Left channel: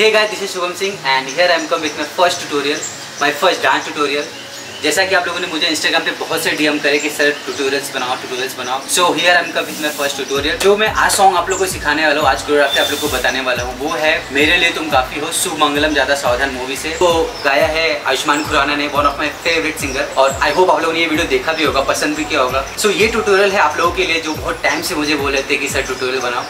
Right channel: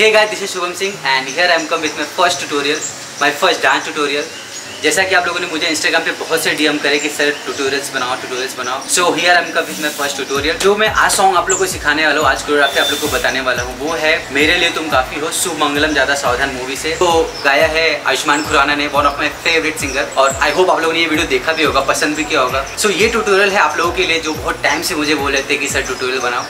Hey guys, this is Shubham Singh and here I am come with my first tutorial, my first dance tutorial. जैसा कि आप लोगों ने मुझे Instagram पे बहुत से डीएम करे कि सर ट्यूटोरियल्स बनाओ। So here I am come with my first tutorial. जो मैं आज सॉन्ग आप लोगों को सिखाने वाला हूँ, आज कोरियोग्राफी आप लोगों को बताने वाला हूँ, वो है मेरे लिए तुम काफी हो, शुभ मंगलम ज्यादा सावधान मूवी से। तो गाया है आयुष्मान खुराना ने, one of my favourite singer. और आई होप आप लोगों ने ये वीडियो देखा भी होगा, पसंद भी किया होगा। सो ये ट्यूटोरियल है आप लोगों के लिए जो बहुत टाइम से मुझे बोल रहे थे कि सर ट्यूटोरियल बनाओ,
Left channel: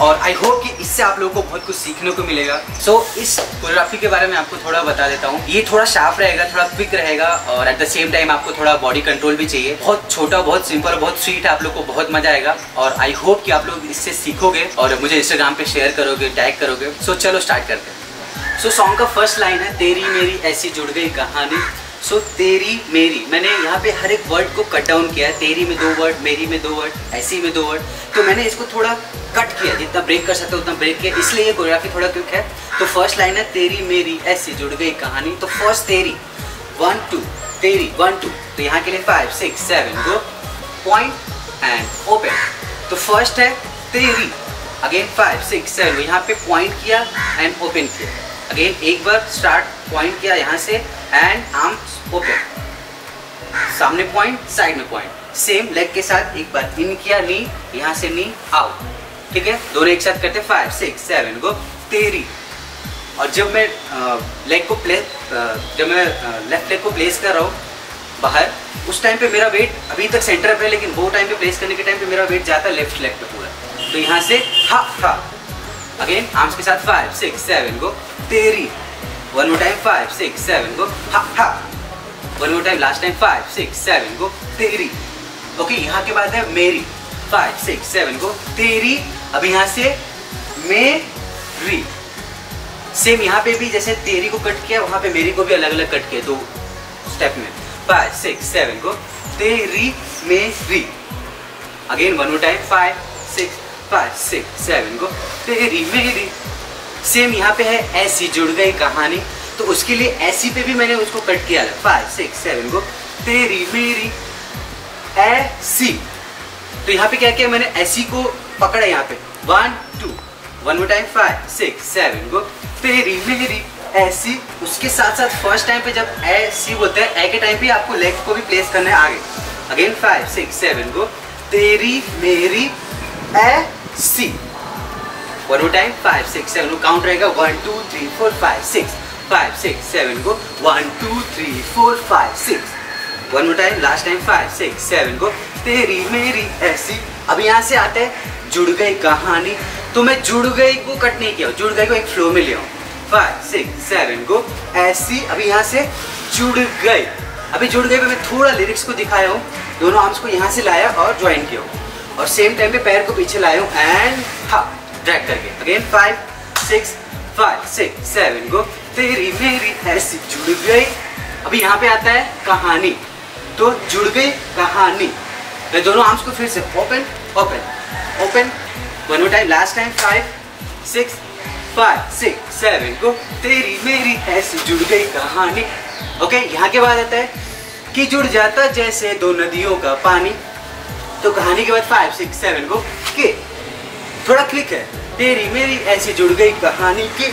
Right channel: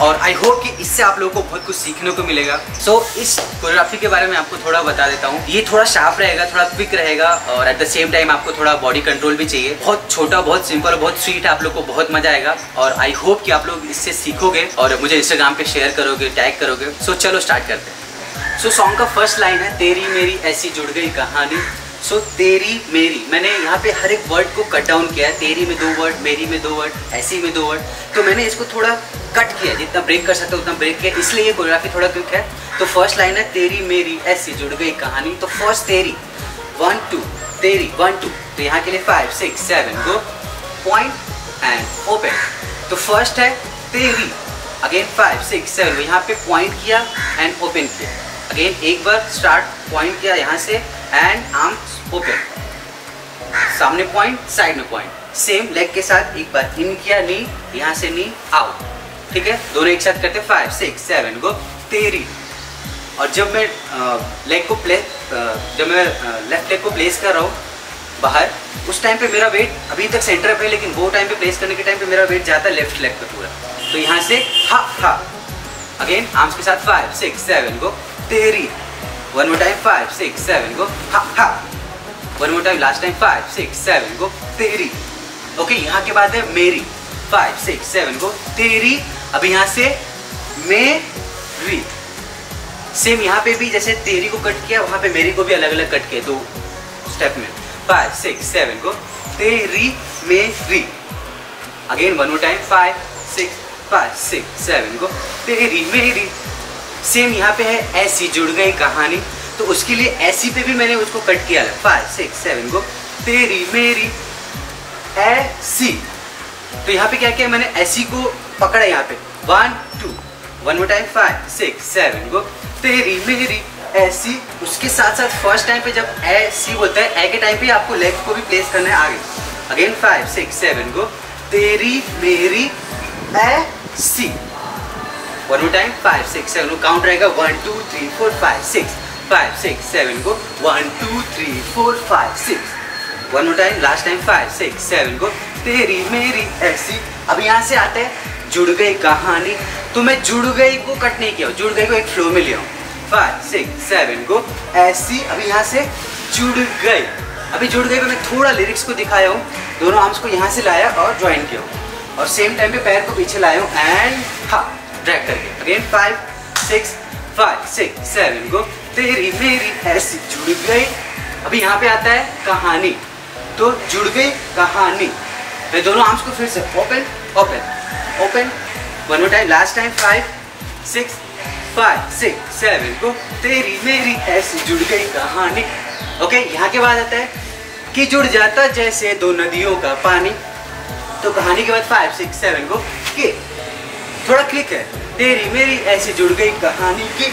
और आई होप कि इससे आप लोगों को बहुत कुछ सीखने को मिलेगा। सो इस कोरियोग्राफी के बारे में आपको थोड़ा बता देता हूँ। ये थोड़ा शार्प रहेगा, थोड़ा क्विक रहेगा, और एट द सेम टाइम आपको थोड़ा बॉडी कंट्रोल भी चाहिए। बहुत छोटा, बहुत सिंपल, बहुत स्वीट है, आप लोग को बहुत मजा आएगा। और आई होप कि आप लोग इससे सीखोगे और मुझे इंस्टाग्राम पे शेयर करोगे, टैग करोगे। सो चलो स्टार्ट करते हैं। सो सॉन्ग का फर्स्ट लाइन है, तेरी मेरी ऐसी जुड़ गई कहानी। सो तेरी मेरी, मैंने यहाँ पे हर एक वर्ड को कट डाउन किया है। तेरी में 2 वर्ड, मेरी में 2 वर्ड, ऐसी में 2 वर्ड। तो मैंने इसको थोड़ा कट किया, जितना ब्रेक कर सकता उतना ब्रेक किया, इसलिए ये कोरियोग्राफी थोड़ा क्विक है। तो फर्स्ट लाइन है, तेरी मेरी ऐसी जुड़ गई कहानी। तो फर्स्ट तेरी 1 2, तेरी 1 2। तो यहाँ के लिए 5 6 7 गो, पॉइंट एंड ओपन। तो फर्स्ट है तेरी, अगेन 5 6 7, यहाँ पे पॉइंट किया एंड ओपन किया। अगेन एक बार स्टार्ट, पॉइंट किया यहाँ से एंड आर्म्स ओपन, सामने पॉइंट, साइड में पॉइंट। सेम लेग के साथ एक बार इन किया, नी, यहाँ से नी आउट। ठीक है, दोनों एक साथ करते 5 6 7 गो, तेरी। और जब मैं लेग को जब मैं लेफ्ट लेग को प्लेस कर रहा हूँ बाहर, उस टाइम पे मेरा वेट अभी तक सेंटर पे है, लेकिन वो टाइम पे प्लेस करने के टाइम पे मेरा वेट जाता है लेफ्ट लेग पे पूरा। तो यहाँ से हा हा, अगेन आर्म्स के साथ 5 6 7 गो, तेरी। वन मोर टाइम 5 6 7 गो, हा हा। One more time, last time 5 6 7 गो, तेरी। ओके, यहाँ के बाद है मेरी, 5 6 7 गो, तेरी। अब यहाँ से मेरी। सेम यहाँ पे भी जैसे तेरी को कट किया, वहाँ पे मेरी को भी अलग अलग कट किया 2 स्टेप में। 5 6 7 गो, तेरी मेरी। अगेन वन मोर टाइम 5 6 7 गो, तेरी मेरी। सेम यहाँ पे है ऐसी जुड़ गई कहानी, तो उसके लिए ऐसी पे भी मैंने उसको कट किया 5 6 7 गो, तेरी मेरी ऐसी। तो यहाँ पे क्या किया मैंने, ऐसी को पकड़ा यहाँ पे 1 2। वन मोर टाइम 5 6 7 गो, तेरी मेरी ऐसी। उसके साथ साथ फर्स्ट टाइम पे जब ऐसी बोलते हैं, ए के टाइम पे आपको लेग को भी प्लेस करना है आगे। अगेन 5 6 7 गो, तेरी मेरी ऐसी। वन मोर टाइम 5 6 7 गो, काउंट रहेगा 1 2 3 4 5 6 7 गो, 1 2 3 4 5 6। One more time, last time 5 6 7 गो, तेरी मेरी ऐसी। अब यहाँ से आता है जुड़ गई कहानी। तो मैं जुड़ गई को कट नहीं किया, जुड़ गई को एक फ्लो में लिया हूँ। 5 6 7 गो, ऐसी। अभी यहाँ से जुड़ गई। अभी जुड़ गई पे मैं थोड़ा लिरिक्स को दिखाया हूँ, दोनों आर्म्स को यहाँ से लाया और ज्वाइन किया हूँ, और सेम टाइम पे पैर को पीछे लाया हूँ एंड हा ड्रैग करके। अगेन 5 6 7 गो, तेरी मेरी ऐसी जुड़ गई। अभी यहाँ पे आता है कहानी, तो जुड़ गई कहानी। मैं दोनों आर्म्स को फिर से open open open. One more time, last time 5 6 7 गो, तेरी मेरी ऐसी जुड़ गई कहानी। ओके, यहाँ के बाद आता है कि जुड़ जाता जैसे 2 नदियों का पानी। तो कहानी के बाद 5 6 7 गो, के थोड़ा क्लिक है, तेरी मेरी ऐसी जुड़ गई कहानी की।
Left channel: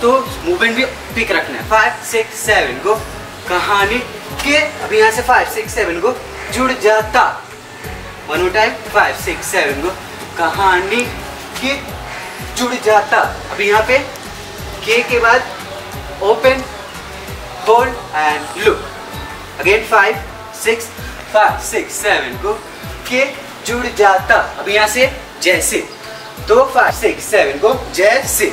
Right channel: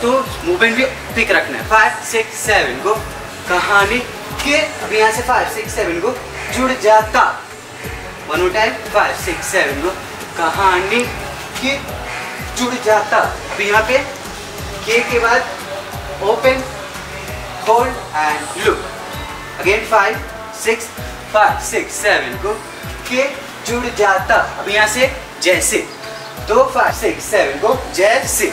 तो मूवमेंट भी पिक रखना है। 5 6 7 गो, कहानी के। अभी यहाँ से 5 6 7 गो, जुड़ जाता। वन मोर टाइम 5 6 7 गो, कहानी के, जुड़ जाता। अभी यहाँ पे के बाद open hold and look. Again 5 6 7 गो, के, जुड़ जाता। अभी यहाँ से जैसे, तो 5 6 7 गो, जैसे।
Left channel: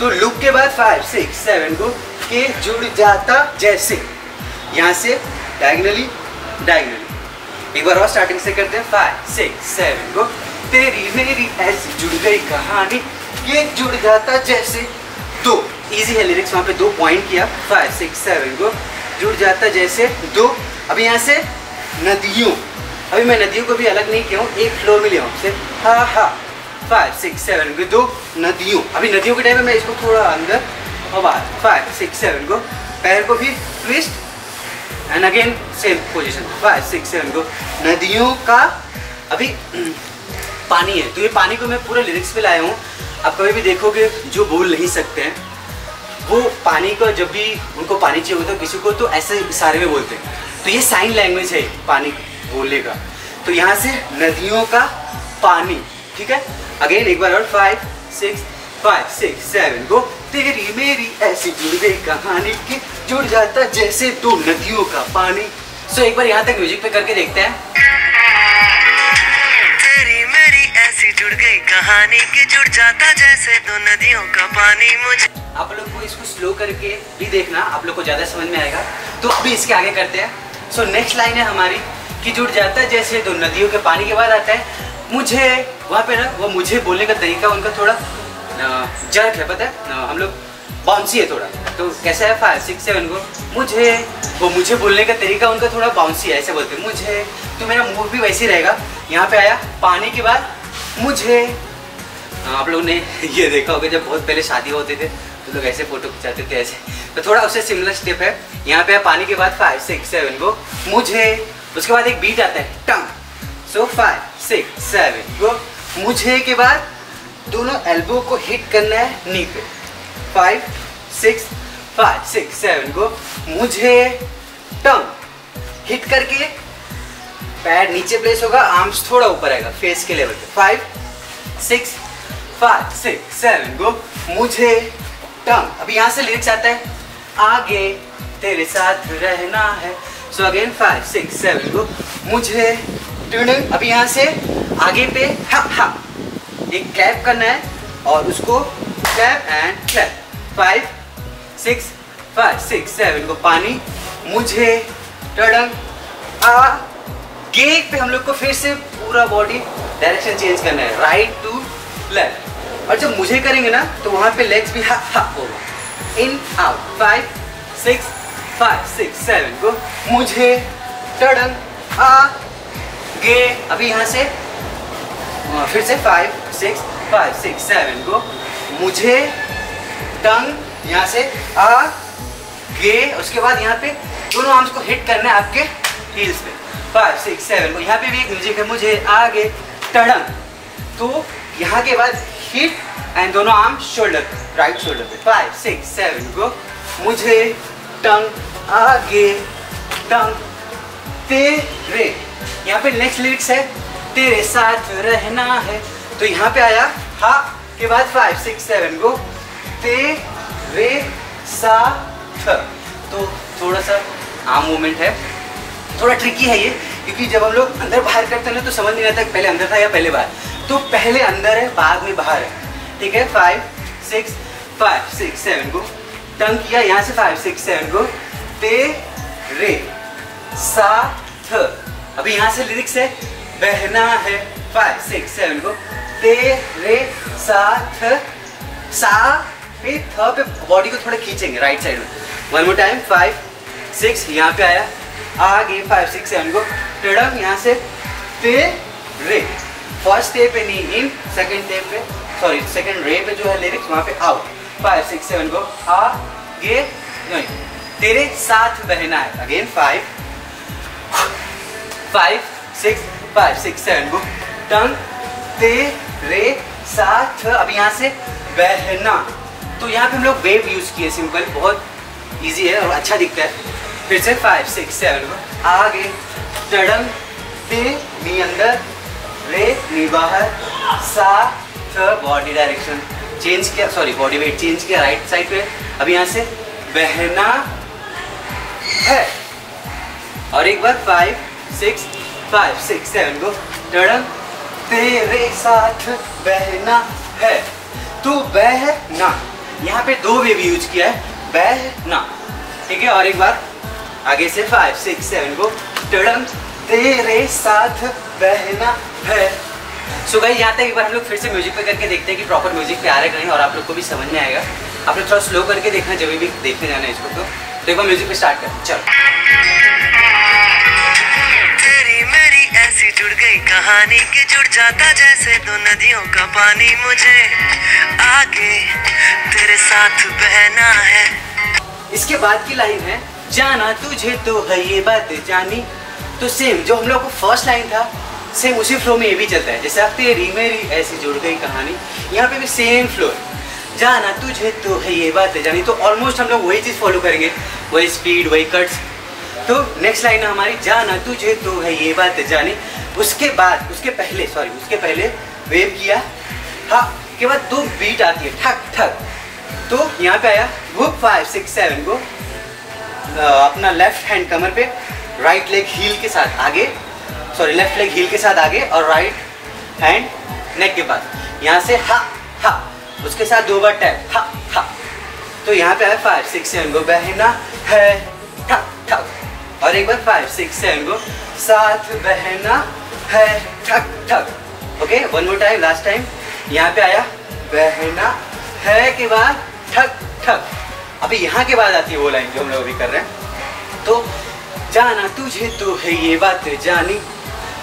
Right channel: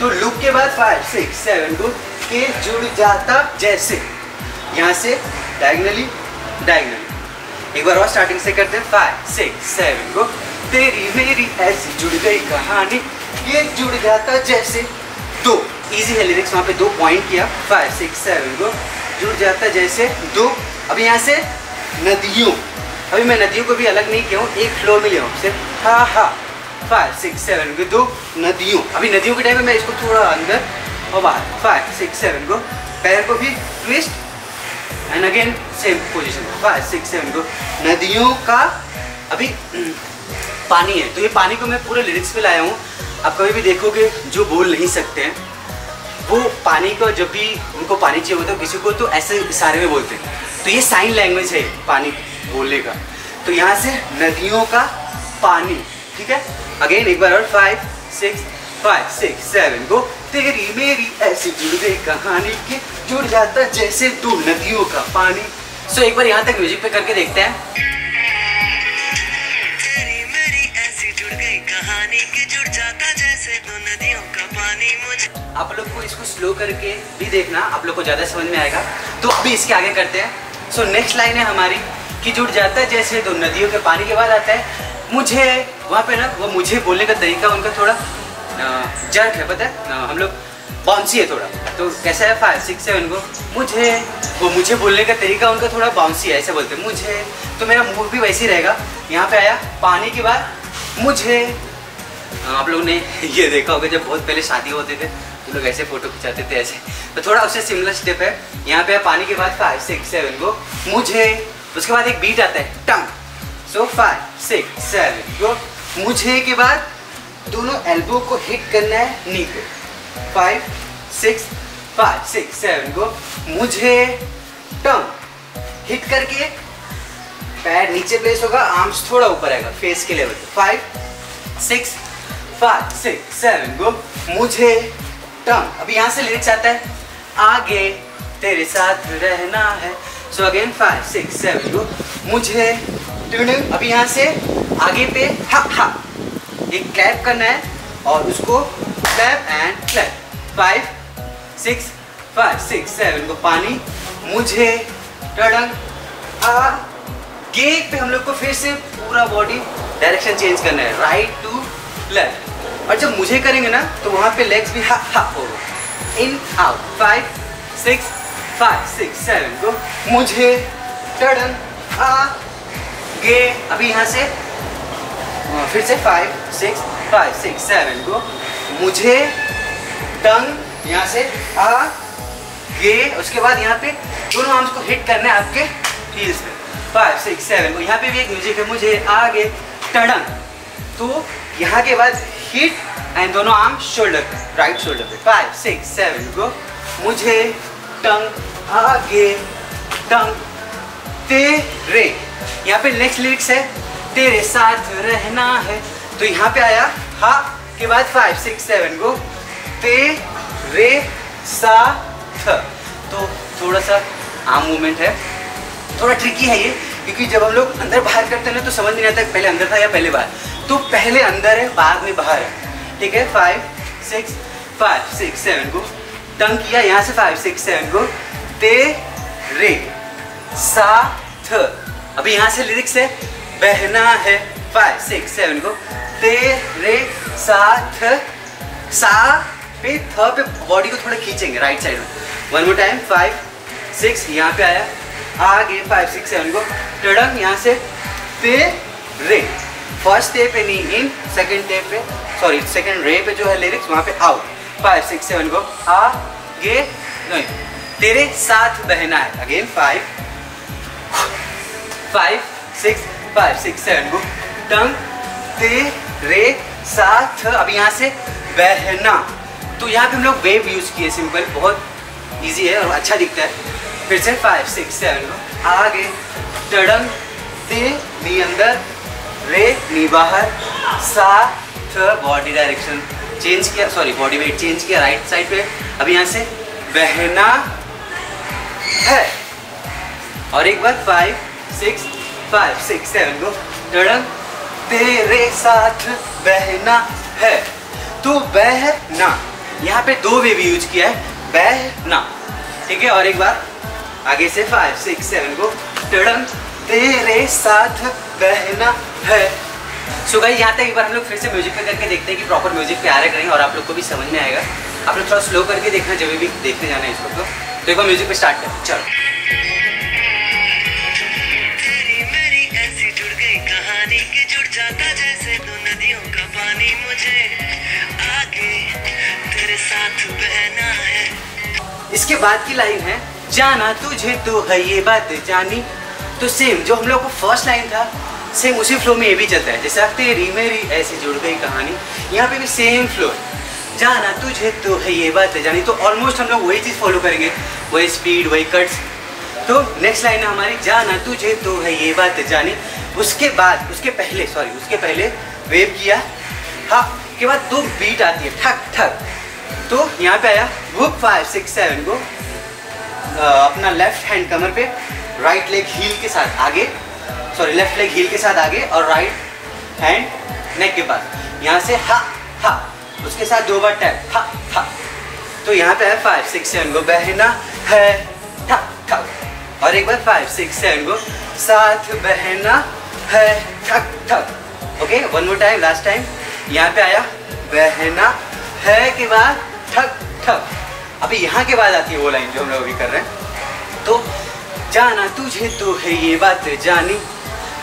तो लुक के बाद 5 6 7 गो, के, जुड़ जाता जैसे। यहाँ से डायगनली डायगनली। एक बार और स्टार्टिंग से करते हैं। 5 6 7 गो, तेरी मेरी ऐसी जुड़ गई कहानी, ये जुड़ जाता जैसे। तो इजी है लिरिक्स, वहाँ पे 2 पॉइंट किया। 5 6 7 गो, जुड़ जाता जैसे 2। अभी यहाँ से नदियों, अभी मैं नदियों को भी अलग नहीं किया हूँ, एक फ्लो में लिया हूँ से हा हा। 5 6 7 गो, 2 नदियों। अभी नदियों के टाइम में मैं इसको थोड़ा अंदर और बाहर। 5 6 7 गो, पैर को भी twist and again same position. 5 6 7 गो, नदियों का। अभी पानी है, तो ये पानी को मैं पूरे लिरिक्स पे लाया हूँ। आप कभी भी देखोगे जो बोल नहीं सकते हैं, वो पानी को जब भी उनको पानी चाहिए होता है किसी को तो ऐसे इशारे में बोलते हैं। तो ये साइन लैंग्वेज है पानी बोलने का। तो यहाँ से नदियों का पानी, ठीक है। अगेन एक बार और 5 6 7 गो। तेरी मेरी ऐसी जुड़ गई कहानी की जुड़ जाता जैसे दो नदियों का पानी। सो एक बार यहाँ तक म्यूजिक पे करके देखते हैं। तेरी मेरी ऐसी जुड़ गई कहानी की जुड़ जाता जैसे दो नदियों का पानी मुझे। आप लोग को इसको स्लो करके भी देखना, आप लोग को ज़्यादा समझ में आएगा। तो अभी इसके आगे करते हैं। सो नेक्स्ट लाइन है हमारी कि जुड़ जाता है जैसे दो नदियों के पानी। के बाद आता है मुझे, वहाँ पे ना वो मुझे बोलने का तरीका उनका थोड़ा जर्क है, पता है हम लोग बाउंसी है थोड़ा। तो कैसा है 5 6 7 को मुझे, वो मुझे बोलने का तरीका उनका थोड़ा बाउंसी है, ऐसे बोलते हैं मुझे। तो मेरा मुंह भी वैसे ही रहेगा। यहाँ पे आया पानी के बाद मुझे। आप लोगों ने ये देखा होगा जब बहुत पहले शादी होते थे तो लोग ऐसे फोटो खिंचाते थे ऐसे, तो थोड़ा उससे सिमिलर स्टेप है। यहाँ पे पानी के बाद 5 6 7 को मुझे। उसके बाद एक बीट आता है टंग। सो 5 6 7 को मुझे के बाद दोनों एल्बो को हिट करना है नी पे। 5 6 7 को मुझे टंग हिट करके पैर नीचे प्लेस होगा, आर्म्स थोड़ा ऊपर आएगा फेस के लेवल पे। 5 6 7 को मुझे टंग। अभी यहाँ से लिरिक्स आता है आगे तेरे साथ रहना है। सो अगेन 5 6 7 को मुझे टंग। अभी यहाँ से आगे पे हा हा एक क्लैप करना है और उसको क्लैप एंड क्लैप। 5 6 7 को पानी मुझे टडंग। आगे पे हम लोग को फिर से पूरा बॉडी डायरेक्शन चेंज करना है, राइट टू लेफ्ट। और जब मुझे करेंगे ना तो वहाँ पे लेग्स भी हा हा होगा, इन आउट। 5 6 7 को मुझे टडंग आगे। अभी यहाँ से फिर से 5 6 7 को मुझे टंग यहाँ से आगे। उसके बाद यहाँ पे दोनों आर्म्स को हिट करना है आपके हील्स पे। 5 6 7 को यहाँ पे भी एक म्यूजिक है मुझे आगे टडंग। तो यहाँ के बाद हिट एंड दोनों आर्म शोल्डर पे, राइट शोल्डर पे। 5 6 7 को मुझे टंग आगे टंग तेरे। यहाँ पे नेक्स्ट लिरिक्स है तेरे साथ रहना है। तो यहाँ पे आया हा के बाद 5 6 7 को तेरे साथ। तो थोड़ा सा आर्म मूवमेंट है, थोड़ा ट्रिकी है ये, क्योंकि जब हम लोग अंदर बाहर करते हैं ना तो समझ नहीं आता पहले अंदर था या पहले बाहर। तो पहले अंदर है बाद में बाहर है, ठीक है। 5 6 7 को टंग किया, यहाँ से 5 6 7 को तेरे साथ। अभी यहाँ से लिरिक्स है बहना है। 5 6 7 को तेरे साथ। सा पे थ पे बॉडी को थोड़ा खींचेंगे राइट साइड में। वन मोर टाइम 5 6 यहाँ पे आया आगे 5 6 7 को टड़म। यहाँ से तेरे फर्स्ट टे पे नी इन, सेकंड टे पे सॉरी सेकंड रे पे जो है लिरिक्स वहाँ पे आउट। 5 6 7 को आगे नहीं तेरे साथ बहना है। अगेन 5 6 7 को टंग तेरे साथ। अब यहाँ से बहना, तो यहाँ पे हम लोग वेव यूज किए, सिंपल बहुत इजी है और अच्छा दिखता है। फिर से 5 6 7 को आगे टडंग ते नी अंदर रे नी बाहर साथ। बॉडी डायरेक्शन चेंज किया, सॉरी बॉडी वेट चेंज किया राइट साइड पे। अब यहाँ से बहना है और एक बार 5 6 7 को टडंग तेरे साथ बहना है। तो बहना यहाँ पे दो वेव यूज किया है, बहना, ठीक है। और एक बार आगे से 5 6 7 को टडंग तेरे साथ बहना है। सो गाइस यहाँ तक एक बार हम लोग फिर से म्यूजिक पे करके देखते हैं कि प्रॉपर म्यूजिक पे आ रहा है नहीं, और आप लोग को भी समझ में आएगा। आप लोग थोड़ा स्लो करके देखना जब भी देखने जाना है इसको। तो एक बार म्यूजिक पे स्टार्ट करते हैं, चलो। ऐसी जुड़ गई कहानी की जुड़ जाता जैसे दो नदियों का पानी मुझे आगे तेरे साथ बहना है। इसके बाद की लाइन है जाना तुझे तो है ये बात जानी। तो सेम जो हम लोग को फर्स्ट लाइन था सेम उसी फ्लो में ये भी चलता है, जैसे तेरी मेरी ऐसी जुड़ गई कहानी। यहाँ पे भी सेम फ्लो। जाना तुझे तो है ये बात जानी। तो ऑलमोस्ट हम लोग वही चीज़ फॉलो करेंगे, वही स्पीड, वही कट्स। तो नेक्स्ट लाइन है हमारी जाना तुझे तो है ये बात जानी। उसके बाद उसके पहले वेव किया, हाँ के बाद 2 बीट आती है ठक ठक। तो यहाँ पे आया हुक 5 6 7 को अपना लेफ्ट हैंड कमर पे, राइट लेग हील के साथ आगे, लेफ्ट लेग हील के साथ आगे और राइट हैंड नेक के पास, यहाँ से हा हा, उसके साथ 2 बार टैप हा हा। तो यहाँ पे है 5 6 7 को बहना है ठक ठक, और एक बार 5 6 7 को साथ बहना है ठक ठक। Okay, one more time, last time. यहाँ पे आया बहना है के बाद ठक ठक। अभी यहाँ के बाद आती है वो लाइन जो हम लोग अभी कर रहे हैं। तो जाना तुझे तो है ये बात जानी,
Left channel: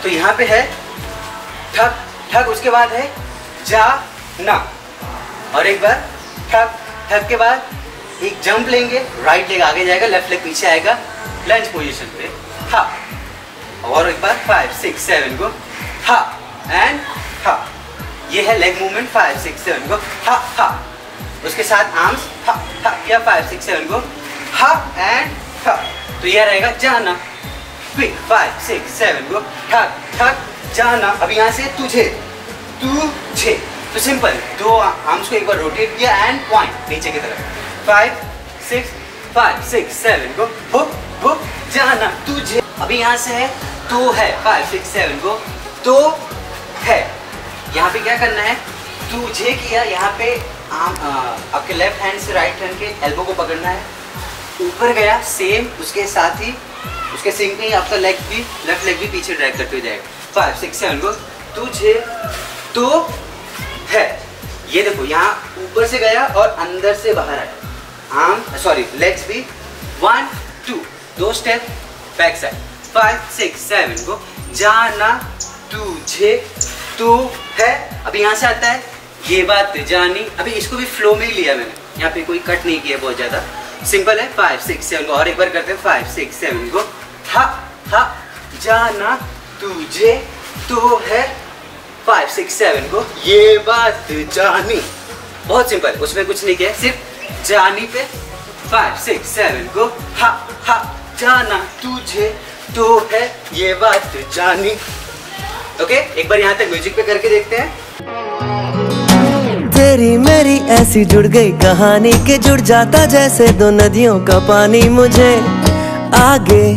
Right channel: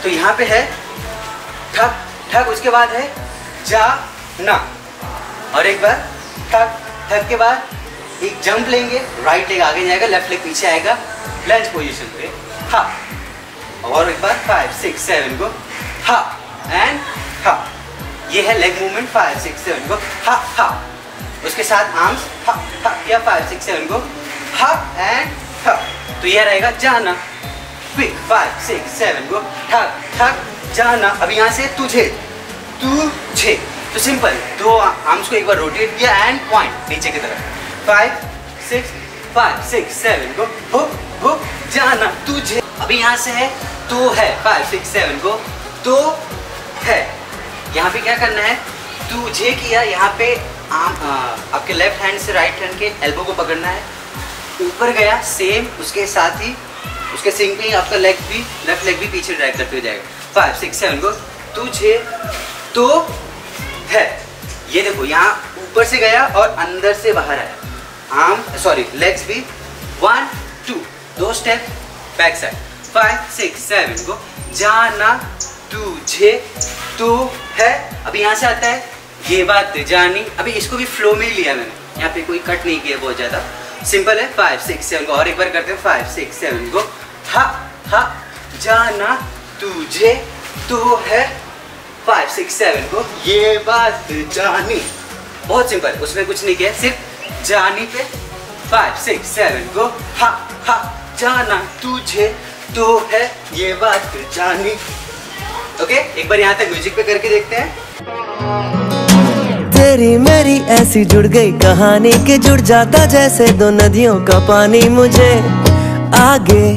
तो यहाँ पे है ठक ठक, उसके बाद है जाना, और एक बार ठक ठक के बाद एक जंप लेंगे, राइट लेग आगे जाएगा, लेफ्ट लेग पीछे आएगा लंज पोजीशन पे, हा, और एक बार 5 6 7 को हा एंड हा। ये है लेग मूवमेंट 5 6 7 को हा हा, उसके साथ आर्म्स हा हा किया 5 6 7 को हा एंड हा। तो यह रहेगा जाना, फिर 5 6 7 को ठक ठक जाना। अभी यहाँ से तुझे तुझे, तो सिंपल 2 आर्म्स को एक बार रोटेट किया एंड पॉइंट नीचे की तरफ, 5 6 7 को हुक हुक जाना तुझे। अभी यहाँ से है तो है 5 6 7 को तो है, यहाँ पे क्या करना है, तुझे किया, यहाँ पे आपके लेफ्ट हैंड से राइट हैंड के एल्बो को पकड़ना है, ऊपर गया सेम, उसके साथ ही उसके सिंक में ही आपका लेग भी, लेफ्ट लेग भी पीछे ड्रैग करते हुए जाएगा। 5 6 7 को तुझे तो है, ये देखो यहाँ ऊपर से गया और अंदर से बाहर आया, लेग्स भी 1 2 2 स्टेप बैक साइड। 5 6 7 को जाना तुझे तो है। अभी यहाँ से आता है ये बात जानी। अभी इसको भी फ्लो में ही लिया मैंने, यहाँ पे कोई कट नहीं किया बहुत ज़्यादा, सिंपल है। 5 6 7 को और एक बार करते हैं, 5 6 7 को हा हा जाना तुझे तो है, 5 6 7 को ये बात जानी। बहुत सिंपल, उसमें कुछ नहीं किया, सिर्फ जानी पे 5 6 7 को हा हा जाना तुझे तो है ये बात जानी। ओके, एक बार यहाँ तक म्यूजिक पे करके देखते हैं। तेरी मेरी ऐसी जुड़ गई कहानी के जुड़ जाता जैसे 2 नदियों का पानी, मुझे आगे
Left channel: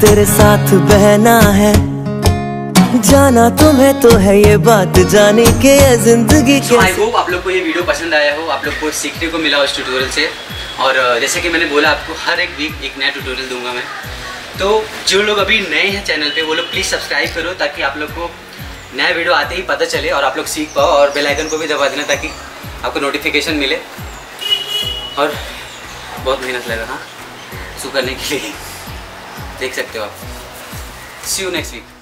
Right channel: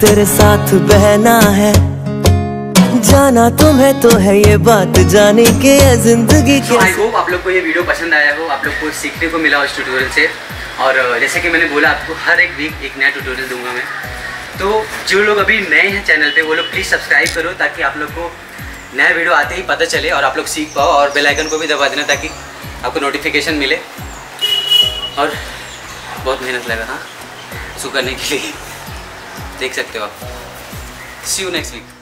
तेरे साथ बहना है, जाना तुम्हें तो है ये बात जानी के जिंदगी के। आई होप आप लोग को ये वीडियो पसंद आया हो, आप लोग को सीखने को मिला उस ट्यूटोरियल से। और जैसे कि मैंने बोला, आपको हर एक वीक एक नया ट्यूटोरियल दूंगा मैं। तो जो लोग अभी नए हैं चैनल पे, वो लोग प्लीज़ सब्सक्राइब करो, ताकि आप लोग को नया वीडियो आते ही पता चले और आप लोग सीख पाओ। और बेल आइकन को भी दबा देना ताकि आपको नोटिफिकेशन मिले। और बहुत मेहनत लगा हाँ इसको करने के लिए, देख सकते हो आप। सी यू नेक्स्ट वीक।